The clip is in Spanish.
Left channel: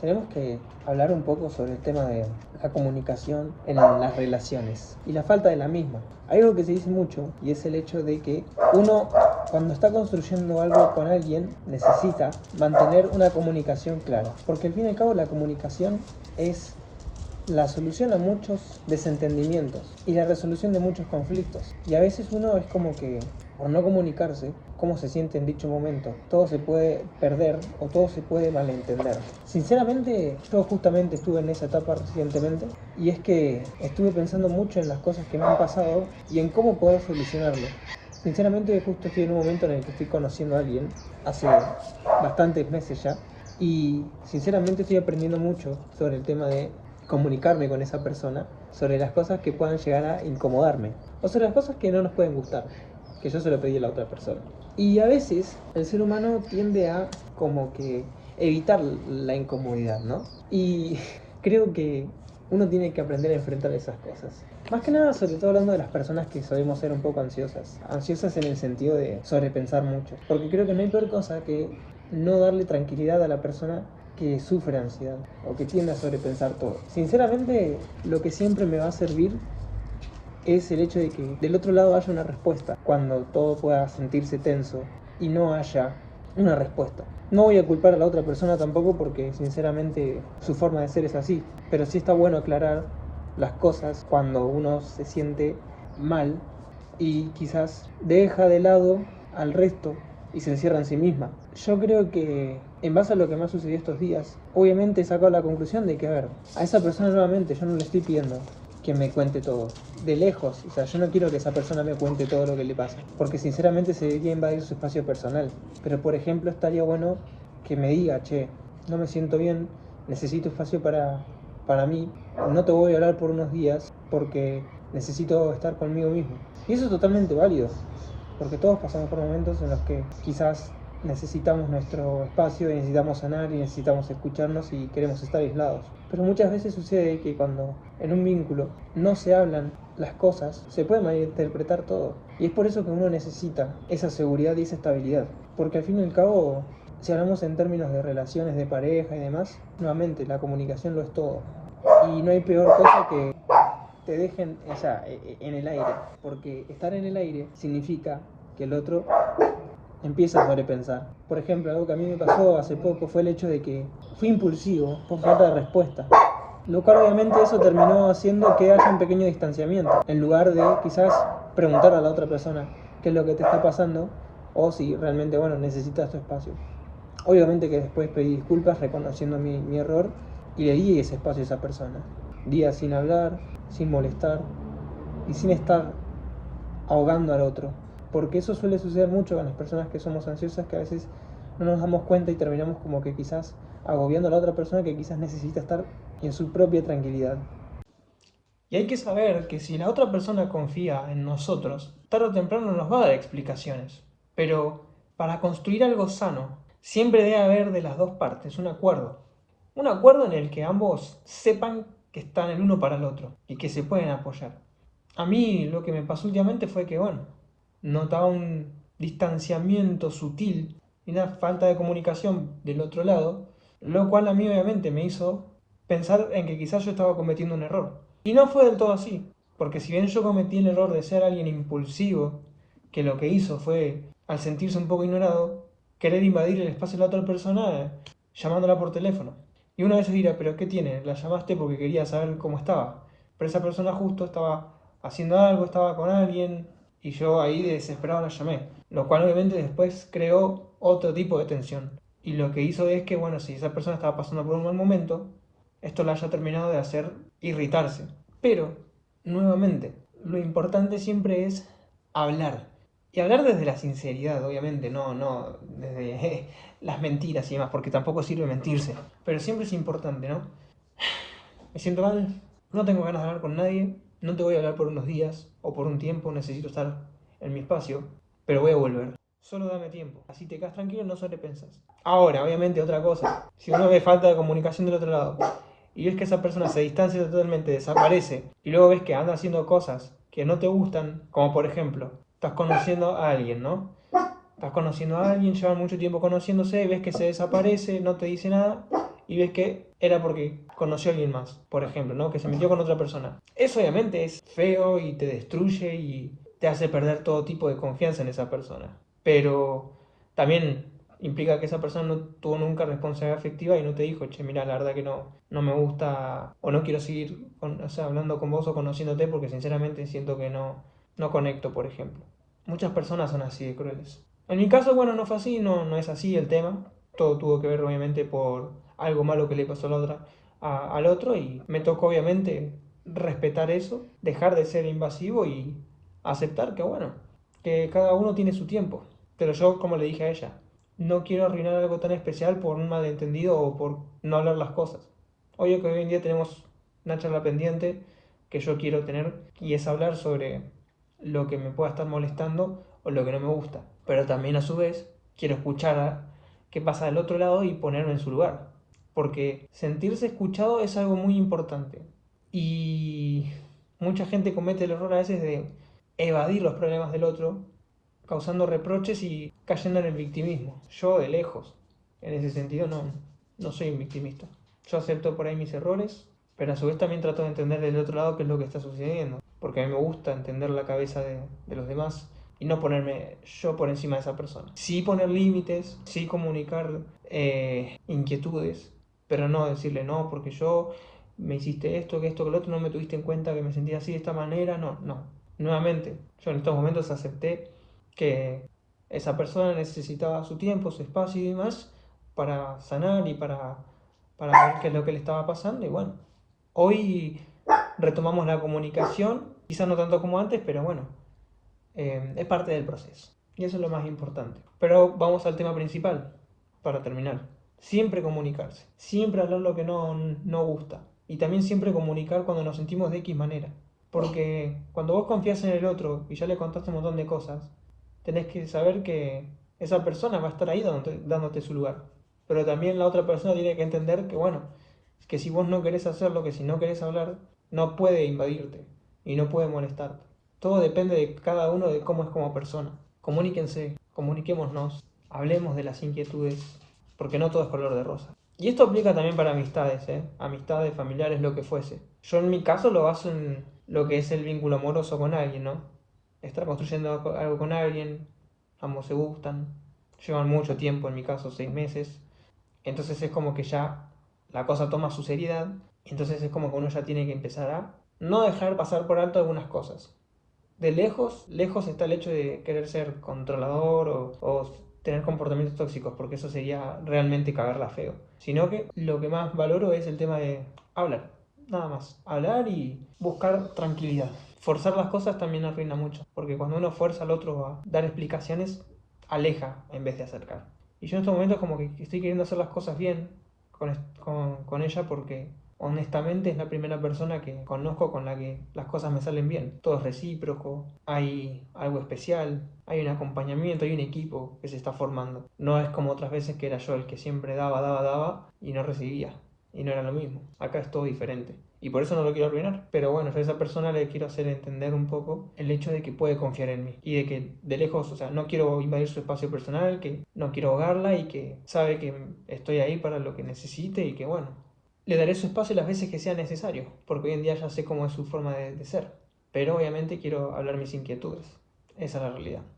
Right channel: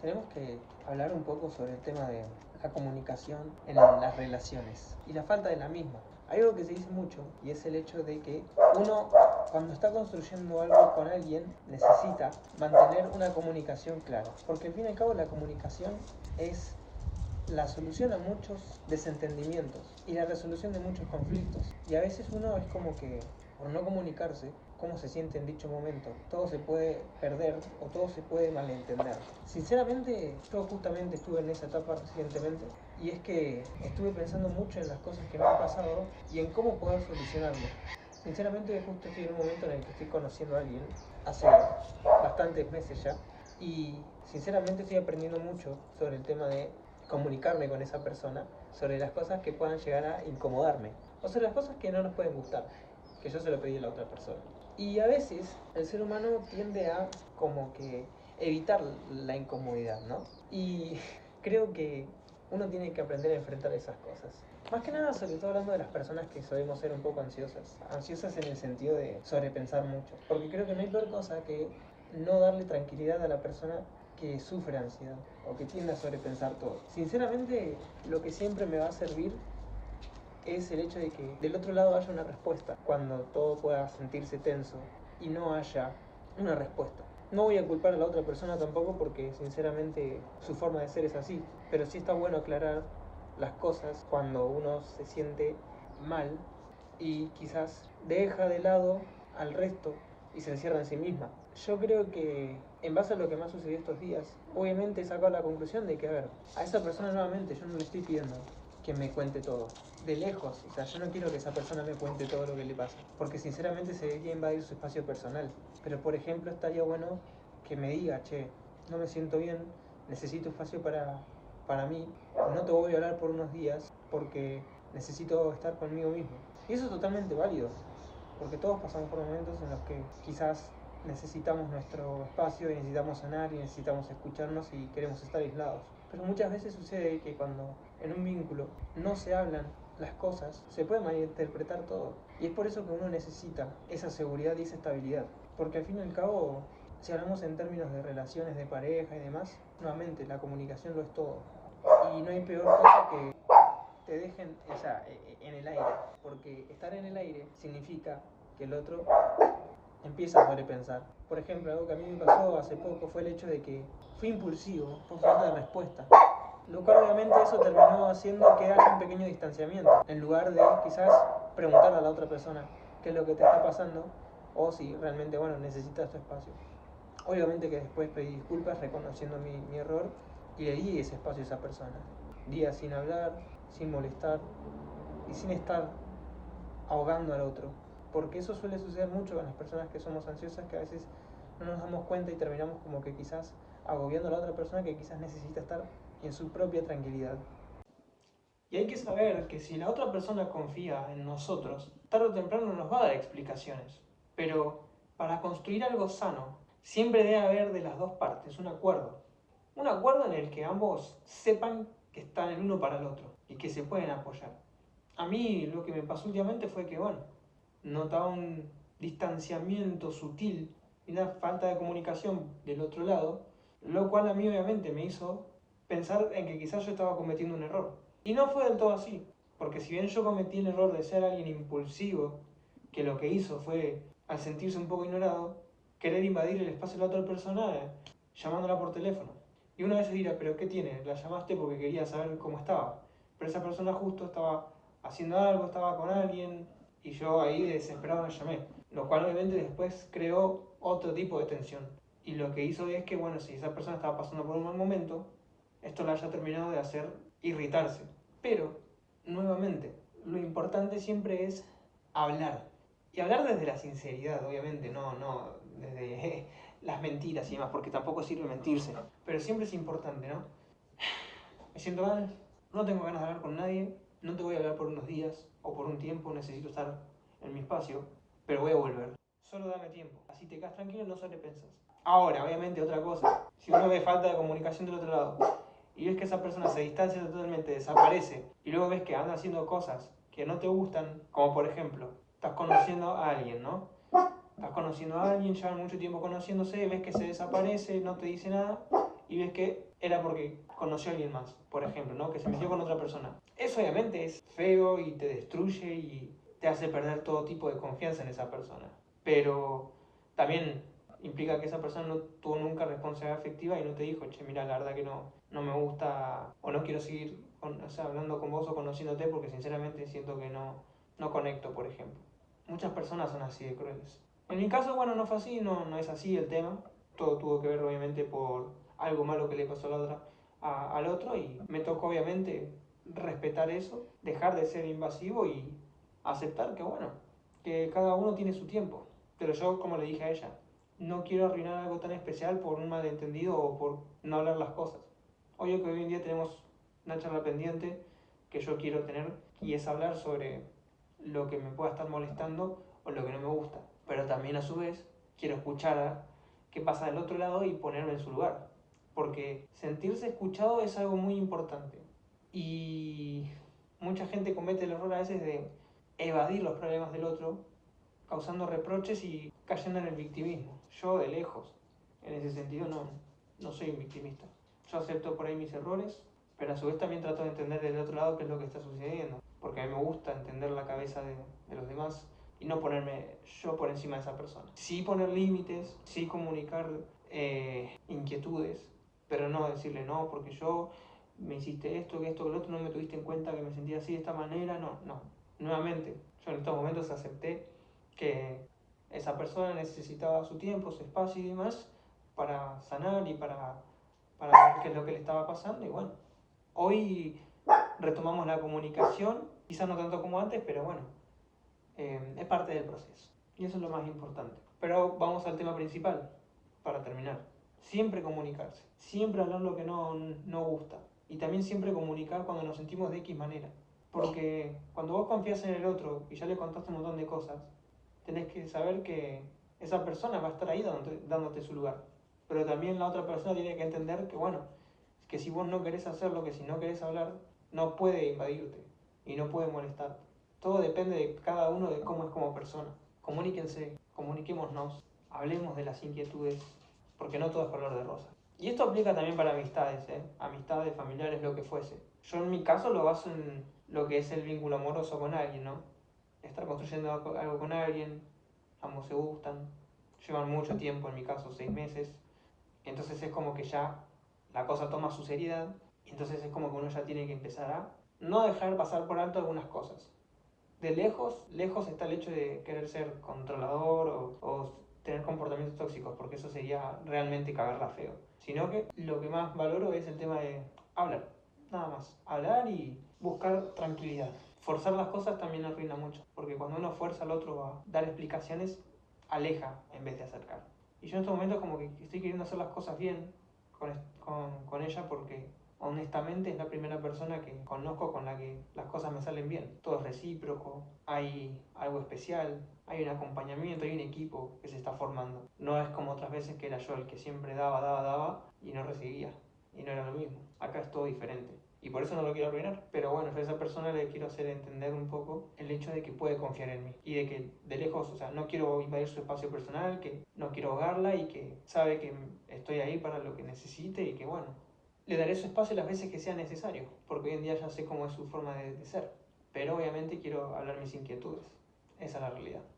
tenemos que hablar un poco sobre el tema de la comunicación en las relaciones y la falta de la misma. Hay algo que se dice mucho y es el hecho de que uno, cuando está construyendo algo con alguien, necesita mantener una comunicación clara, porque al fin y al cabo la comunicación es la solución a muchos desentendimientos y la resolución de muchos conflictos. Y a veces uno es como que, por no comunicarse, cómo se siente en dicho momento, todo se puede perder o todo se puede malentender. Sinceramente, yo justamente estuve en esa etapa recientemente y es que estuve pensando mucho en las cosas que me han pasado y en cómo poder solucionarlo. Sinceramente, justo estoy en un momento en el que estoy conociendo a alguien, hace bastantes meses ya, y sinceramente estoy aprendiendo mucho sobre el tema de comunicarme con esa persona, sobre las cosas que puedan llegar a incomodarme, o sobre las cosas que no nos pueden gustar, que yo se lo pedí a la otra persona. Y a veces el ser humano tiende a como que evitar la incomodidad, ¿no? Y creo que uno tiene que aprender a enfrentar esas cosas. Más que nada, sobre todo hablando de las personas que solemos ser un poco ansiosas. Ansiosas en el sentido de sobrepensar mucho. Porque creo que no hay peor cosa que no darle tranquilidad a la persona que sufre ansiedad o que tiende a sobrepensar todo. Sinceramente, lo que siempre me va a servir es el hecho de que del otro lado haya una respuesta, cuando todo pueda sentirse tenso y no haya una respuesta. No voy a culpar a la otra persona tampoco porque sinceramente su forma de ser es así, pero sí está bueno aclarar las cosas cuando uno se siente mal y quizás deja de lado al resto y se encierra en sí misma. Yo creo que en base a lo que me ha sucedido estos días, obviamente he sacado la conclusión de que, a ver, a esa persona nuevamente yo no le estoy pidiendo que me cuente todo. De lejos, o sea, yo no quiero que esa persona me cuente todo lo que le pasa, porque sinceramente se debería invadir su espacio personal. Pero por ejemplo, estaría bueno que me diga, che, no me siento bien, necesito espacio para mí, no te voy a hablar por unos días porque necesito estar conmigo mismo. Y eso es totalmente válido, porque todos pasamos por momentos en los que quizás necesitamos nuestro espacio y necesitamos sanar y necesitamos escucharnos y queremos estar aislados. Pero muchas veces sucede que cuando en un vínculo no se hablan las cosas, se puede malinterpretar todo. Y es por eso que uno necesita esa seguridad y esa estabilidad. Porque al fin y al cabo, si hablamos en términos de relaciones de pareja y demás, nuevamente la comunicación lo es todo. Y no hay peor cosa que te dejen, o sea, en el aire, porque estar en el aire significa que el otro empieza a sobrepensar. Por ejemplo, algo que a mí me pasó hace poco fue el hecho de que fui impulsivo por falta de respuesta, lo cual obviamente eso terminó haciendo que haya un pequeño distanciamiento, en lugar de quizás preguntar a la otra persona qué es lo que te está pasando o si realmente, bueno, necesitas tu espacio. Obviamente que después pedí disculpas reconociendo mi error y le di ese espacio a esa persona. Días sin hablar, sin molestar y sin estar ahogando al otro. Porque eso suele suceder mucho con las personas que somos ansiosas, que a veces no nos damos cuenta y terminamos como que quizás agobiando a la otra persona que quizás necesita estar en su propia tranquilidad. Y hay que saber que si la otra persona confía en nosotros, tarde o temprano nos va a dar explicaciones. Pero para construir algo sano, siempre debe haber de las dos partes un acuerdo. Un acuerdo en el que ambos sepan que están el uno para el otro y que se pueden apoyar. A mí lo que me pasó últimamente fue que, bueno, notaba un distanciamiento sutil y una falta de comunicación del otro lado, lo cual a mí obviamente me hizo pensar en que quizás yo estaba cometiendo un error. Y no fue del todo así, porque si bien yo cometí el error de ser alguien impulsivo, que lo que hizo fue, al sentirse un poco ignorado, querer invadir el espacio de la otra persona llamándola por teléfono. Y una vez dirá, pero ¿qué tiene? La llamaste porque quería saber cómo estaba. Pero esa persona justo estaba haciendo algo, estaba con alguien, y yo ahí de desesperado la llamé. Lo cual obviamente después creó otro tipo de tensión. Y lo que hizo es que, bueno, si esa persona estaba pasando por un mal momento, esto la haya terminado de hacer irritarse. Pero, nuevamente, lo importante siempre es hablar. Y hablar desde la sinceridad, obviamente, no desde las mentiras y demás, porque tampoco sirve mentirse. Pero siempre es importante, ¿no? Me siento mal, no tengo ganas de hablar con nadie, no te voy a hablar por unos días o por un tiempo, necesito estar en mi espacio, pero voy a volver. Solo dame tiempo, así te quedas tranquilo y no sobrepensas. Ahora, obviamente, otra cosa, si uno ve falta de comunicación del otro lado y ves que esa persona se distancia totalmente, desaparece, y luego ves que anda haciendo cosas que no te gustan, como por ejemplo, estás conociendo a alguien, ¿no? Estás conociendo a alguien, llevan mucho tiempo conociéndose y ves que se desaparece, no te dice nada y ves que era porque conoció a alguien más, por ejemplo, ¿no? Que se metió con otra persona. Eso obviamente es feo y te destruye y te hace perder todo tipo de confianza en esa persona. Pero también implica que esa persona no tuvo nunca responsabilidad afectiva y no te dijo, che, mira, la verdad que no me gusta o no quiero seguir o sea, hablando con vos o conociéndote porque sinceramente siento que no conecto, por ejemplo. Muchas personas son así de crueles. En mi caso, bueno, no fue así, no es así el tema. Todo tuvo que ver obviamente por algo malo que le pasó a la otra, al otro y me tocó obviamente respetar eso, dejar de ser invasivo y aceptar que bueno, que cada uno tiene su tiempo. Pero yo, como le dije a ella, no quiero arruinar algo tan especial por un malentendido o por no hablar las cosas. Obvio que hoy en día tenemos una charla pendiente que yo quiero tener y es hablar sobre lo que me pueda estar molestando o lo que no me gusta. Pero también a su vez quiero escuchar a qué pasa del otro lado y ponerme en su lugar. Porque sentirse escuchado es algo muy importante. Y mucha gente comete el error a veces de evadir los problemas del otro, causando reproches y cayendo en el victimismo. Yo de lejos, en ese sentido, no soy un victimista. Yo acepto por ahí mis errores, pero a su vez también trato de entender del otro lado qué es lo que está sucediendo. Porque a mí me gusta entender la cabeza de los demás y no ponerme yo por encima de esa persona. Sí poner límites, sí comunicar inquietudes, pero no decirle no, porque yo me hiciste esto, que lo otro, no me tuviste en cuenta que me sentía así de esta manera, no. Nuevamente, yo en estos momentos acepté que esa persona necesitaba su tiempo, su espacio y demás para sanar y para ver qué es lo que le estaba pasando. Y bueno, hoy retomamos la comunicación, quizás no tanto como antes, pero bueno, es parte del proceso. Y eso es lo más importante. Pero vamos al tema principal, para terminar. Siempre comunicarse, siempre hablar lo que no gusta. Y también siempre comunicar cuando nos sentimos de X manera. Porque cuando vos confías en el otro y ya le contaste un montón de cosas, tenés que saber que esa persona va a estar ahí dándote su lugar. Pero también la otra persona tiene que entender que, bueno, que si vos no querés hacerlo, que si no querés hablar, no puede invadirte y no puede molestarte. Todo depende de cada uno de cómo es como persona. Comuníquense, comuniquémonos, hablemos de las inquietudes, porque no todo es color de rosa. Y esto aplica también para amistades, ¿eh? Amistades, familiares, lo que fuese. Yo en mi caso lo baso en lo que es el vínculo amoroso con alguien, ¿no? Estar construyendo algo con alguien, ambos se gustan, llevan mucho tiempo, en mi caso 6 meses, entonces es como que ya la cosa toma su seriedad, y entonces es como que uno ya tiene que empezar a no dejar pasar por alto algunas cosas. De lejos, lejos está el hecho de querer ser controlador o tener comportamientos tóxicos, porque eso sería realmente cagarla feo. Sino que lo que más valoro es el tema de hablar, nada más. Hablar y buscar tranquilidad. Forzar las cosas también arruina mucho, porque cuando uno fuerza al otro a dar explicaciones, aleja en vez de acercar. Y yo en estos momentos como que estoy queriendo hacer las cosas bien con ella porque honestamente es la primera persona que conozco con la que las cosas me salen bien. Todo es recíproco, hay algo especial, hay un acompañamiento, hay un equipo que se está formando. No es como otras veces que era yo el que siempre daba y no recibía. Y no era lo mismo. Acá es todo diferente. Y por eso no lo quiero arruinar. Pero bueno, yo a esa persona le quiero hacer entender un poco el hecho de que puede confiar en mí. Y de que de lejos, o sea, no quiero invadir su espacio personal, que no quiero ahogarla y que sabe que estoy ahí para lo que necesite y que bueno, le daré su espacio las veces que sea necesario. Porque hoy en día ya sé cómo es su forma de ser. Pero obviamente quiero hablar mis inquietudes. Esa es la realidad.